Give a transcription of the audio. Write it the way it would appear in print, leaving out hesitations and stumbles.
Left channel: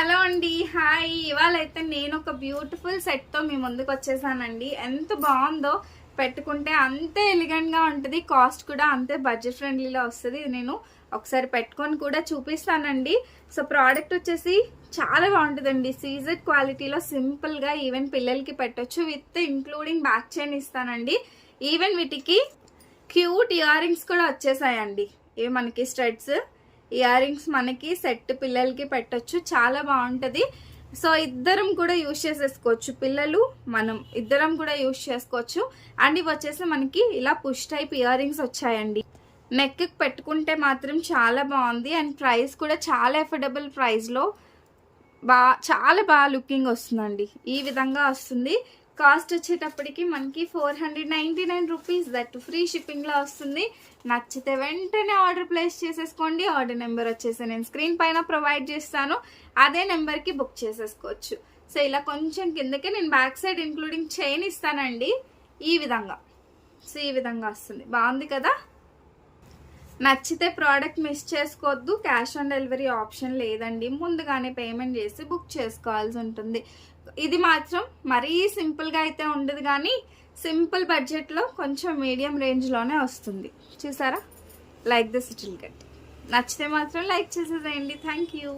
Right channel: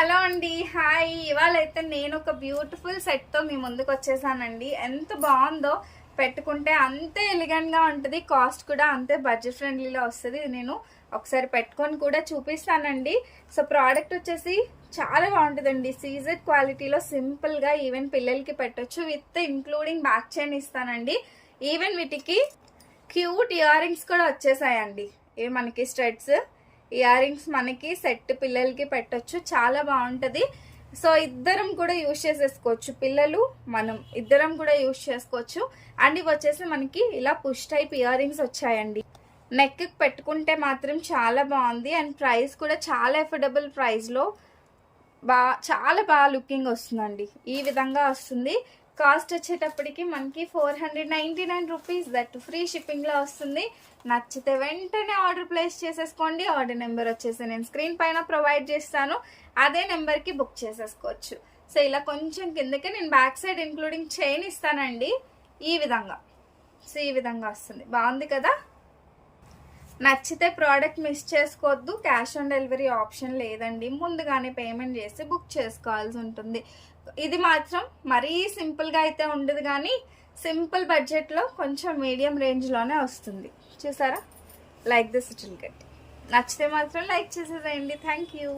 Hello అండి, hi. ఇవాళ అయితే నేను ఒక బ్యూటిఫుల్ సెట్తో మీ ముందుకు వచ్చేసానండి. ఎంత బాగుందో, పెట్టుకుంటే అంతే ఎలిగెంట్గా ఉంటుంది, కాస్ట్ కూడా అంతే బడ్జెట్ ఫ్రెండ్లీలో వస్తుంది. ఇది నేను ఒకసారి పెట్టుకొని కూడా చూపిస్తానండి. సో ప్రోడక్ట్ వచ్చేసి చాలా బాగుంటుందండి. సీజెడ్ క్వాలిటీలో సింపుల్గా ఈవెన్ పిల్లలకి పెట్టొచ్చు, విత్ ఇంక్లూడింగ్ బ్యాక్ చైన్ ఇస్తానండి. ఈవెన్ వీటికి క్యూట్ ఇయర్ రింగ్స్ కూడా వచ్చేసాయండి. ఇవి మనకి స్ట్రెడ్స్ ఇయర్ రింగ్స్ మనకి సెట్ పిల్లలకి పెట్టొచ్చు, చాలా బాగుంటుంది. సో ఇద్దరం కూడా యూజ్ చేసేసుకోవచ్చు, పిల్లలు మనం ఇద్దరం కూడా యూజ్ చేసుకోవచ్చు. అండ్ ఇవి వచ్చేసి మనకి ఇలా పుష్ టైప్ ఇయర్ రింగ్స్ వచ్చాయండి. నెక్ పెట్టుకుంటే మాత్రం చాలా బాగుంది. అండ్ ప్రైస్ కూడా చాలా అఫోర్డబుల్ ప్రైస్లో చాలా బాగా లుకింగ్ వస్తుందండి. ఈ విధంగా వస్తుంది. కాస్ట్ వచ్చేటప్పటికి మనకి 499 రూపీస్, దట్ ఫ్రీ షిప్పింగ్లో వస్తుంది. నచ్చితే వెంటనే ఆర్డర్ ప్లేస్ చేసేసుకోండి. ఆర్డర్ నెంబర్ వచ్చేసి నేను స్క్రీన్ పైన ప్రొవైడ్ చేస్తాను, అదే నెంబర్కి బుక్ చేసేసుకోవచ్చు. సో ఇలా కొంచెం కిందకి నేను బ్యాక్ సైడ్ ఇంక్లూడింగ్ చైన్ ఇస్తానండి. ఈ విధంగా సో ఈ విధంగా వస్తుంది, బాగుంది కదా. నచ్చితే ప్రోడక్ట్ మిస్ చేసుకోవద్దు. క్యాష్ ఆన్ డెలివరీ ఆప్షన్ లేదండి, ముందుగానే పేమెంట్ చేసి బుక్ చేసుకోవాల్సి ఉంటుంది. ఇది మాత్రం మరీ సింపుల్గా అయితే ఉండదు, కానీ సింపుల్ బడ్జెట్లో కొంచెం మీడియం రేంజ్లోనే వస్తుంది. చూసారా, like this it will get. నచ్చితే మాత్రం లైక్ చేసేసేయండి. Thank you.